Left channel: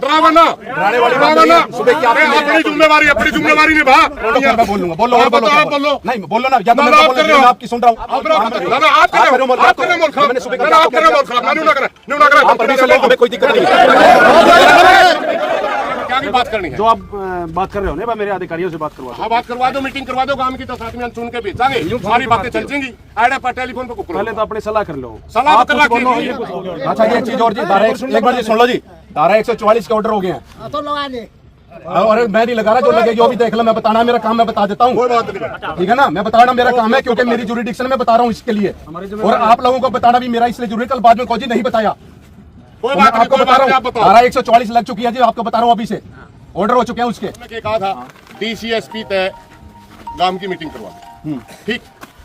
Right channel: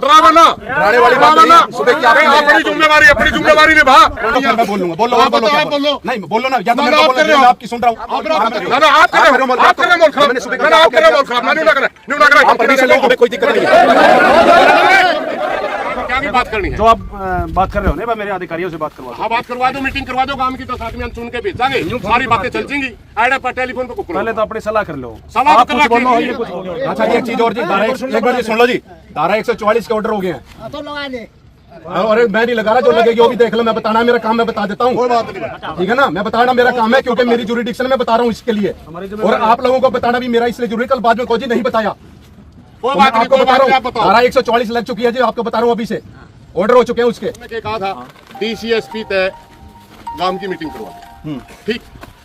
Drama ना अपनी जिम्मेवारी निभा। मैं बोल लूंगा, बोलो और बोलो, नहीं बोलो ना, या तो मैं आपकी सुन रहा हूँ। कोई दिक्कत नहीं, क्या की बात करनी है? जो आप बात कर रहे हो ना, मेरे अधिकारियों से बात करवा। हाँ बात करवा दो, मीटिंग करवा दो गांव की, तो साथ में हम सुन के भेजांगे, सारी बातें चल जाएंगी। आइडिया पर टेलीफोन पे पहले तो अपनी सलाह कर लो। सलाह तो कर रखी। अच्छा ये चीज और जी, एक बार जी सुन लो जी, धारा 144 के ऑर्डर हो गए हैं तो लगा ले। और मैं नहीं लगा रहा, जो लगेगी वो भी देख लो। मैं बताना मेरा काम, मैं बता देता हूँ, ठीक है ना। मैं बताना मेरा काम है, क्योंकि मेरी जुरिडिक्शन में बता रहा हूँ इसके लिए, और आप लोगों को बताना भी मेरा इसलिए जरूरी। कल बाद में कोई नहीं बताया, मैं आपको बता रहा हूँ। धारा 144 लग चुकी है जी, आपको बता रहा हूँ, अभी से ऑर्डर हो चुके हैं उसके। मैंने कहा था डीसीएसपी तय गांव की मीटिंग करवा दो, ठीक।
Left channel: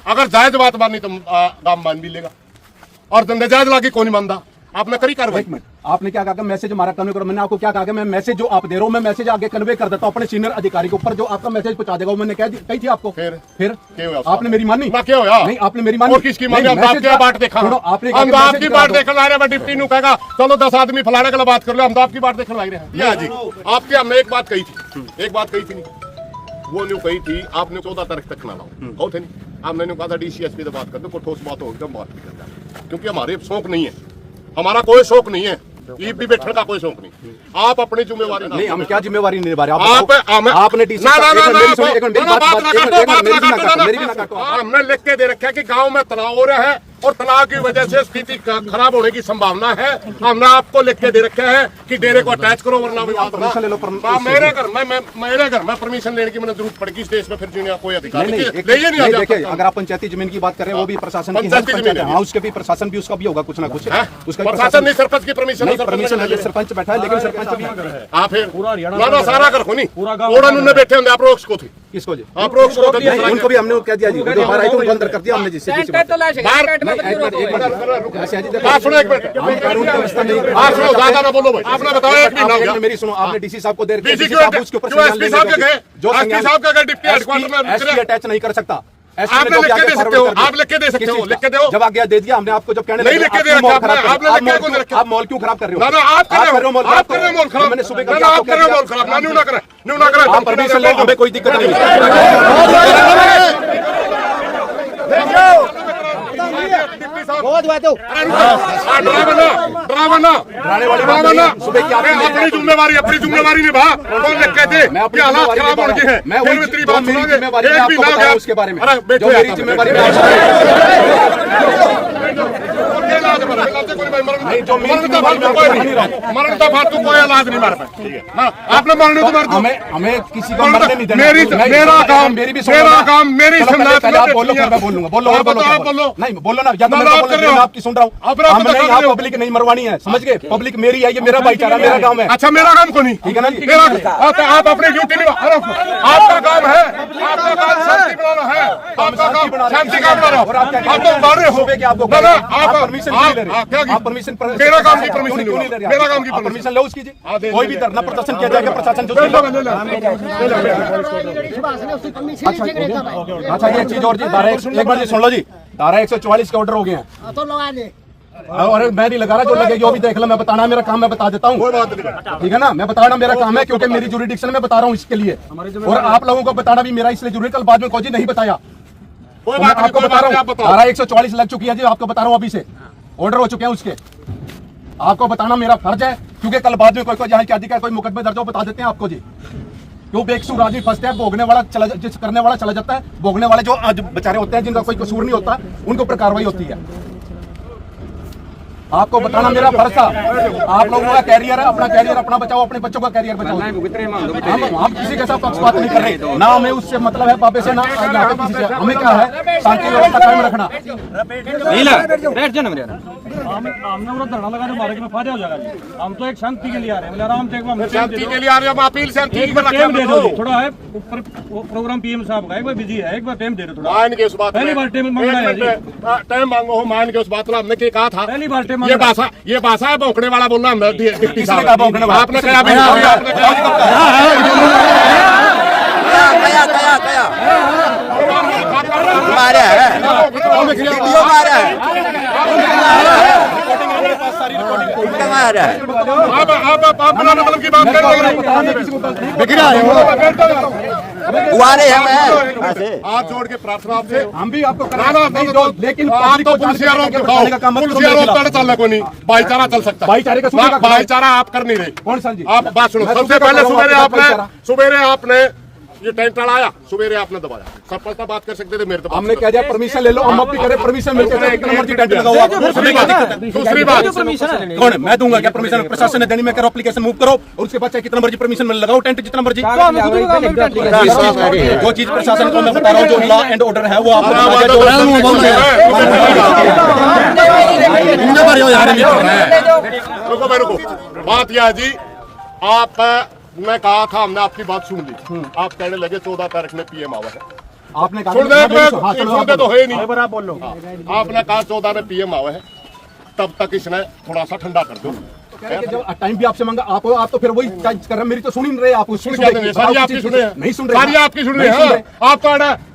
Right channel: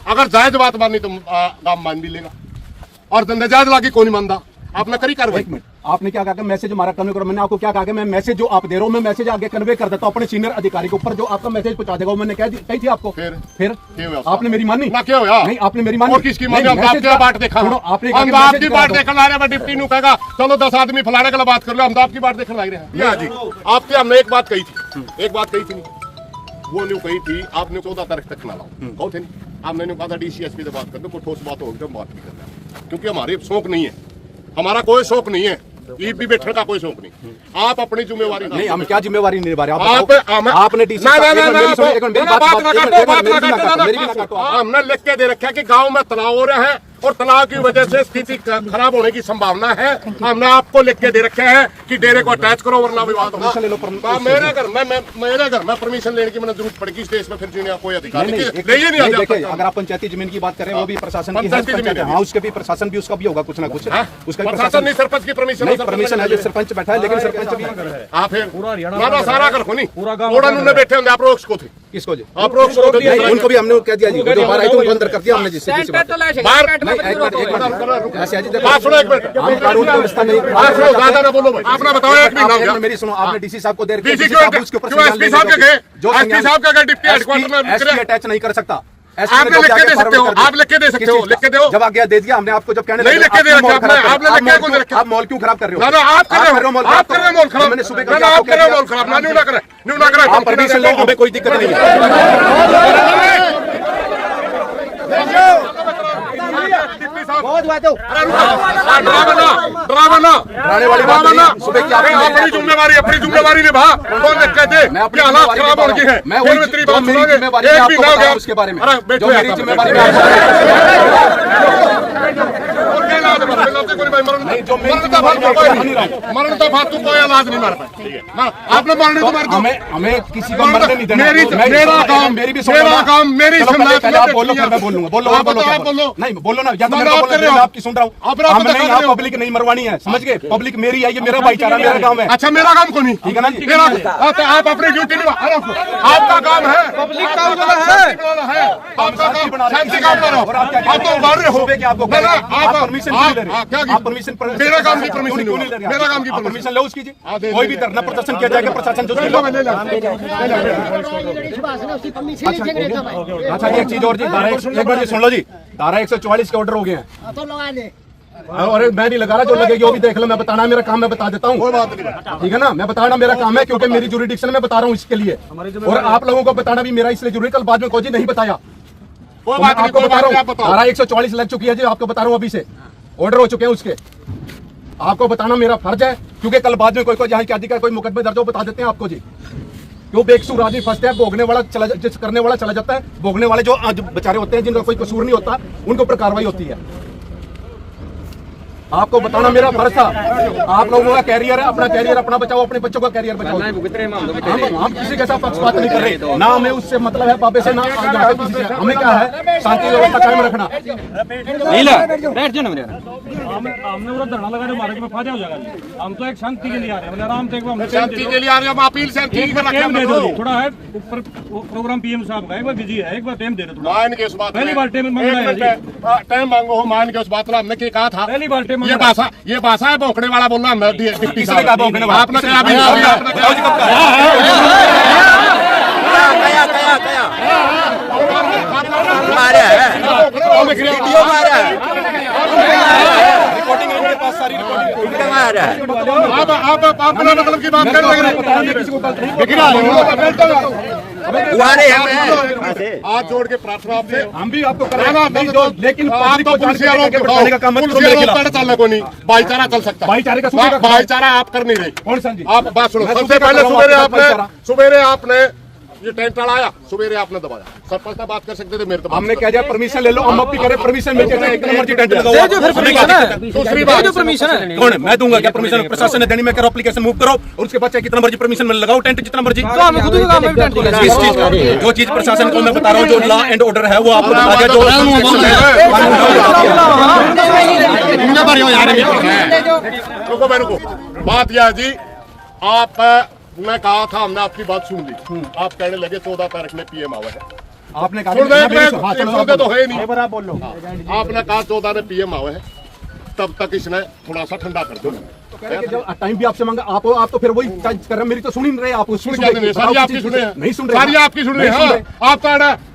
अगर जायज बात मानी तो गांव मान भी लेगा, और जायज लागी कौन मानदा। आपने करी कार्रवाई। आपने क्या कहा, मैसेज हमारा कन्वे करो। मैंने आपको क्या कहा, मैं मैसेज जो आप दे रहा हूँ, मैं मैसेज आगे कन्वे कर देता हूँ अपने सीनियर अधिकारी के ऊपर, जो आपका मैसेज पहुंचा देगा। मैंने कही थी आपको, फिर आपने मेरी मानी ना? क्या होया? नहीं आपने मेरी मानी। और किसकी मानी? आपकी बात देखा, आपकी बात देखने आ रहे हैं। डिप्टी नु कहेगा चलो 10 आदमी फलाने के लिए बात कर लो, हम तो आपकी बात देखने लग रहे हैं जी। आपके हमने एक बात कही थी, वो न्यू कही थी आपने 14 तारीख तक ना लाओ, कहो थे नहीं। आपने कहा था डीसीएसपी से बात कर दो, कोई ठोस बात होगी तो हम बात भी करते हैं, क्योंकि हमारे शौक नहीं है, हमारा कोई शौक नहीं है, लीव भी बैठने का कोई शौक नहीं। आप अपनी जिम्मेवारी नहीं, हम क्या जिम्मेवारी नहीं निभा रहे? आपने डीसी हमने लिख के दे रखा है कि गांव में तनाव हो रहा है और तनाव की वजह से स्थिति खराब होने की संभावना है। हमने आपको लिख के दे रखे हैं कि डेरे को अटैच करो, वरना परमिशन ले लो। मेरे घर में परमिशन लेने की मैंने जरूरत पड़ेगी, स्टेज पे फिर जीने कोई अधिकार नहीं। देखिए, अगर आप पंचायती जमीन की बात करें, वो भी प्रशासन की है, हाँ उसके भी प्रशासन भी, उसका भी होगा कुछ ना कुछ। उसका प्रशासन नहीं, सरपंच की परमिशन है, जो सरपंच बैठा है, लेकिन सरपंच भी सारा घर को नहीं, पूरा उन्होंने बैठे होंगे। आप रोक इसको थे, इसको जी आप रोक उनको भी हमने कह दिया जी, बाहर आई तो उनको अंदर कर दिया हमने। जिससे बात सुनो एक मिनट, हम कानून की व्यवस्था नहीं। ज्यादा ना बोलो भाई, आपने बताया एक महीना हो गया। मेरी सुनो, आपने डीसी साहब को देर की, एसपी साहब के गए डिप्टी हेडक्वार्टर में, एसपी अटैच नहीं कर सकता। आप लिख के दे सकते हो, आप लिख के दे सकते हो, लिख के दो। जब आज्ञा दे दिया हमने आपको, जब कहने नहीं लिख के दे रखा आपने, आप मॉल क्यों खराब कर रहे हो? आप कर रहे हो मॉल खराब। मैंने सुबह आप कर रहे हो मॉल खराब, न्यू ना करें। आप परमिशन ले, हमें कोई दिक्कत नहीं है। बहुत बात हो, ड्रामा ना अपनी जिम्मेवारी निभा। कौन लिख के दे? मैं अपनी हालात खराब हो गए हैं, मैं वही जो मेरी जिम्मेवारी है आपको बता रहा हूं, उसके बारे में जो मेरी जिम्मेवारी है नहीं, जो मेरी जिम्मेवारी मरण का फालतू कोई इलाज नहीं मार पाए। आपने मरने तो मार, हमें किसी को मरने नहीं देना। मेरा काम, मेरी भी मेरा काम, मेरी पहले आप बोलो, फिर मैं बोलूंगा। बोलो और बोलो, नहीं बोलो ना, या तो मैं आपकी सुन रहा हूँ। हमने यहाँ पब्लिक नहीं मरवानी है, समझ गए? पब्लिक मेरी है, ये मेरा भाईचारा, मेरा काम है। अच्छा मेरा काम को नहीं, ठीक है ना जी? तो आप अपनी ड्यूटी निभा। आपका काम है, शांति बनाना है, आपका काम शांति काम करो। आप तो मार रहे हो, आपको परमिशन क्यों ले रहे? आप परमिशन, मेरा काम की परमिशन क्यों नहीं ले रहे? मेरा काम की परमिशन लो उसकी जी। कोई भी धरना प्रदर्शन किया जाएगा, प्रशासन जो अच्छा ये चीज और जी, एक बार जी सुन लो जी, धारा 144 के ऑर्डर हो गए हैं तो लगा ले। और मैं नहीं लगा रहा, जो लगेगी वो भी देख लो। मैं बताना मेरा काम, मैं बता देता हूँ, ठीक है ना। मैं बताना मेरा काम है, क्योंकि मेरी जुरिडिक्शन में बता रहा हूँ इसके लिए, और आप लोगों को बताना भी मेरा इसलिए जरूरी। कल बाद में कोई नहीं बताया, मैं आपको बता रहा हूँ। धारा 144 लग चुकी है जी, आपको बता रहा हूँ, अभी से ऑर्डर हो चुके हैं उसके। आपको बताना मेरा फर्ज है, क्योंकि कल बाद में कोई जहाँ क्या दिखा, कोई मुकदमे दर्ज हो, बता देते हैं आपको जी। जो बेकसूर आदमी फंसते हैं, भोगने वाला जिस करने वाला चला जाता है, भोगने वाले जो बेचारे होते हैं, जिनका कोई कसूर नहीं होता, उनको पर कार्रवाई होती है। आपको बताना मेरा फर्ज था। आप लोगों का कैरियर है, अपना कैरियर अपना बचाओ, अपने बच्चों का कैरियर बचाओ। हम किसी के साथ पक्षपात नहीं कर रहे, ना हमें उससे मतलब है पापे से, ना यहाँ पे किसी से। हमें क्या है, शांति व्यवस्था कायम रखना। धरना लगा रहे, मार्ग में फायदा हो जाएगा। हम तो एक शांति के लिए आ रहे हैं, आराम से शांति के लिए आ रहे हैं। अपील से टाइम दे दो, थोड़ा है ऊपर प्रोग्राम पीएम साहब का, एक बार बिजी है, एक बार टाइम दे दो थोड़ा। मान के उस बात, पहली बार टाइम मांगना है, टाइम मांगो हो, मान के उस बात हमने क्या कहा था। पहली बार टाइम ये भाषा है भौंकने वाला बोलना। डिप्टी साहब भौंकने वाला आपने कहा मारा है, वीडियो मारा है। रिकॉर्डिंग है मेरे पास सारी रिकॉर्डिंग आप बिना मतलब की बात कर रहे हैं। हाथ जोड़ के प्रार्थना आपसे, हम भी आपको ना, ना, नहीं तो- दो, लेकिन तो आप पब्लिक तो को पुलिस जानकारी वालों देके के बताने का काम मत करो पुलिस मेरे वालों खिलाफ। का चालक को नहीं, भाईचारा चल सकता है। भाईचारे का सुनेगा कौन? भाईचारा आप कर नहीं रहे। कौन सा जी? आप बात सुनो, मैं सबसे सुनेगा पहले कौन? भाईचारा। सुबेरे आपने ये टेंट आया, सुबेरे आपने दबाया। सरपंच से बात कर सकते थे, मेरे तो बात हमने करो। क्या दिया, परमिशन ले लो, हम अब भी करें, परमिशन मिलती है, कितना मर्जी टेंट लगाओ आप। दूसरी बात, कौन है? मैं दूंगा क्या परमिशन? प्रशासन ने देनी, मैं करो एप्लीकेशन मूव करो और उसके बाद चाहे कितना मर्जी परमिशन में लगाओ टेंट, जितना मर्जी। जो चीज प्रशासन को मैं बता रहा हूँ, जो लॉ एंड ऑर्डर है वो आप रुको। बात यह है जी, आप मैं कहा था, हमने आपकी बात सुन ली। आप कहने लगे 14 तारीख में पीएम आवा है। आपने कहा सुन दे तो है नहीं। आप बोल लो। आपने कहा 14 में पीएम आवा है, तब तक इसने थोड़ा सा ठंडा कर दो। टाइम भी आपसे मांगा, आप तो फिर वही टाइप कर रहे हैं। मेरी तो सुन ही नहीं रहे आप। सुन क्या रहे? सारी आपकी सुन रहे हैं। नहीं सुन रहे, सारी आपकी सुन रहे हैं। आप तो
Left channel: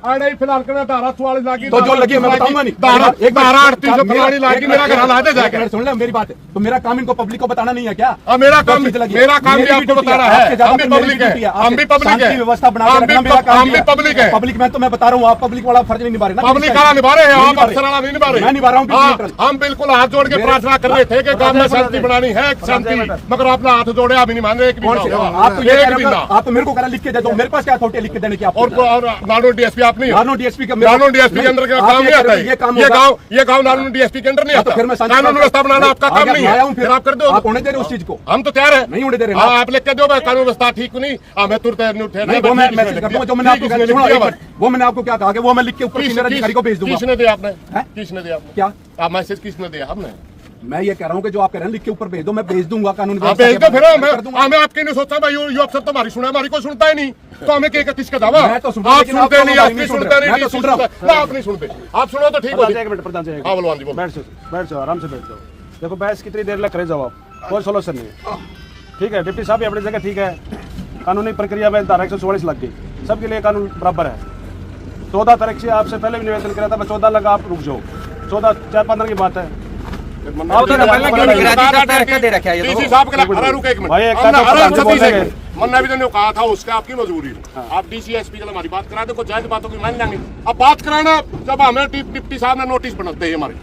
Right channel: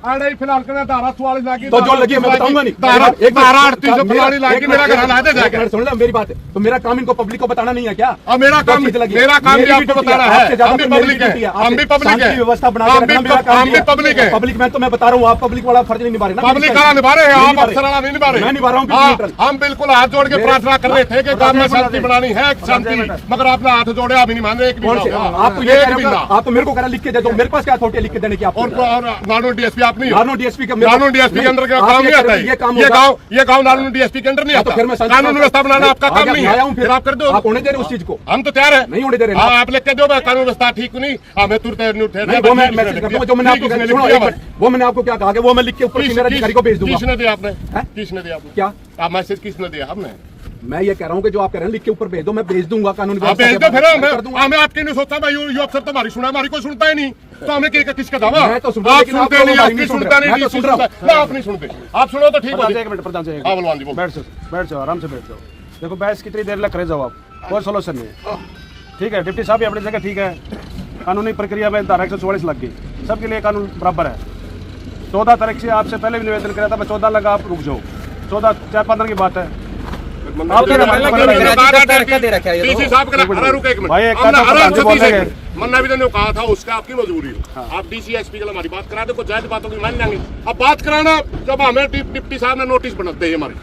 आड़े फिलहाल कर धारा 44 लागी, तो जो लगी मैं बताऊंगा नहीं। धारा 38 लागी मेरा घर लाते जाकर। सुन लो मेरी बात, तो मेरा काम इनको पब्लिक को बताना नहीं है क्या? और मेरा काम भी आपको बताना है। हम भी पब्लिक है, हम भी पब्लिक है, व्यवस्था बना के रखना मेरा काम हम भी पब्लिक है। पब्लिक में तो मैं बता रहा हूँ, आप पब्लिक वाला फर्ज नहीं निभा रहे ना। पब्लिक का निभा रहे हैं, आप अफसराना नहीं निभा रहे। मैं निभा रहा हूँ हाँ, बिल्कुल। हम बिल्कुल हाथ जोड़ के प्रार्थना कर रहे थे कि गांव में शांति बनानी है, शांति, मगर आपने हाथ जोड़े, अभी नहीं मान रहे। एक भी ना हुआ। आप तो ये एक कह भी रहे ना। हो, आप तो मेरे को कह रहे लिख के दे दो, मेरे पास क्या अथॉरिटी है लिख के देने की? आपको और नानू डीएसपी आप नहीं, नानो डीएसपी का नानू डीएसपी के अंदर का काम नहीं आता है। ये गांव नानू डीएसपी के अंदर नहीं आता। फिर मैं कानून व्यवस्था बनाना आपका काम नहीं आया हूँ, है। फिर आप कर दो, आप होने दे रहे उस चीज को। हम तो तैयार है, नहीं होने दे रहे। आप लिख के दो, कानून व्यवस्था ठीक नहीं, मैं तुरंत नहीं, वो मैं मैसेज करता हूँ, जो मैंने आपको वो मैंने आपको क्या कहा कि वो मैं लिख के ऊपर सीनियर अधिकारी को भेज दूंगा। किसने दिया आपने? किसने दिया आपने? क्या आप मैसेज किसने दिया? आपने? मैं ये कह रहा हूँ कि जो आप कह रहे हैं लिख के ऊपर भेज दो, मैं भेज दूंगा कानून आप भेज दो। फिर हमें आपकी नहीं सोचता भाई, ये अफसर तो हमारी सुना है, हमारी कोई सुनता ही नहीं, तो हमें किसका दावा? मैं तो सुन रहा हूं, आप लेकिन आप सुनते नहीं, लोग आप नहीं सुन सुनते रहे। मैं तो सुन रहा हूं। नहीं, आप नहीं सुनते। आप सुनो तो ठीक हो। एक मिनट प्रधान जी, हाँ बलवान जी, बैठ जाओ, आराम से बैठ जाओ। देखो बहस कितनी देर लग करे जाओ आप, कोई सोल्यूशन नहीं है। ठीक है डिप्टी साहब, अपनी जगह ठीक है, कानूनी प्रक्रिया में धारा 144 लग गई, सबके लिए कानून बराबर है। 14 तारीख से आपसे पहले भी निवेदन किया था, मैं 14 लगा, आप रुक जाओ। 14 4-15 की बात है। मन्ना भी तो कहा था, उसका आपकी मजबूरी है। आप डीसीएसपी के हमारी बात करा दो, जायज बातों की मान लेंगे। अब बात कराना जब हमें डिप्टी साहब ने नोटिस बनाते है हमारी,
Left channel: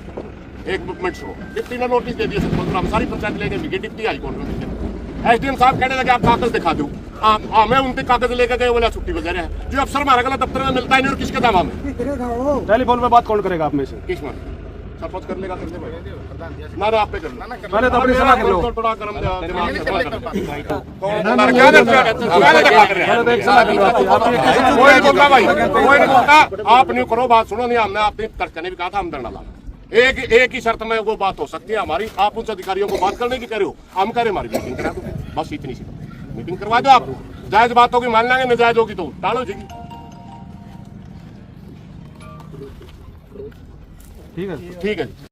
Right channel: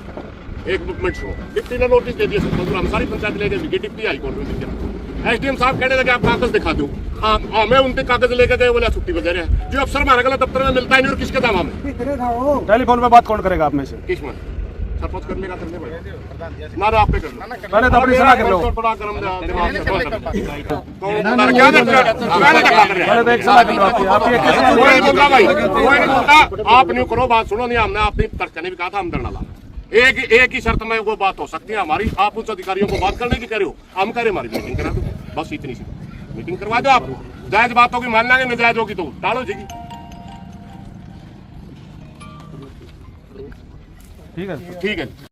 एक मिनट सुनो, डिप्टी ने नोटिस दे दिया, हम सारी पंचायत लेकर गए, डिप्टी हाईकोर्ट में। एसडीएम साहब कहने लगे आप कागज दिखा दो, हमें उनके कागज लेकर गए, बोला छुट्टी वगैरह है। जो अफसर हमारा गलत दफ्तर में मिलता ही नहीं, और किसके दावा में? टेलीफोन पे बात कौन करेगा आप में से? किस में सपोर्ट कर लेगा, कर ले ना आप पे कर लो। पहले तो अपनी सलाह कर लो। थोड़ा गरम दिमाग से थोड़ा गरम। कोई बोलता भाई, कोई नहीं बोलता। आप नहीं करो, बात सुनो। नहीं, हमने अपनी तर्क ने भी कहा था, हम डरना लाना। एक ही शर्त में वो बात हो सकती है हमारी, आप उच्च अधिकारियों को बात करने की कह रहे हो, हम करें हमारी मीटिंग करा दो, बस इतनी सी बात। मीटिंग करवा दो, आपको जायज बातों की मान लेंगे, नाजायज होगी तो टालो जी। ठीक है ठीक है।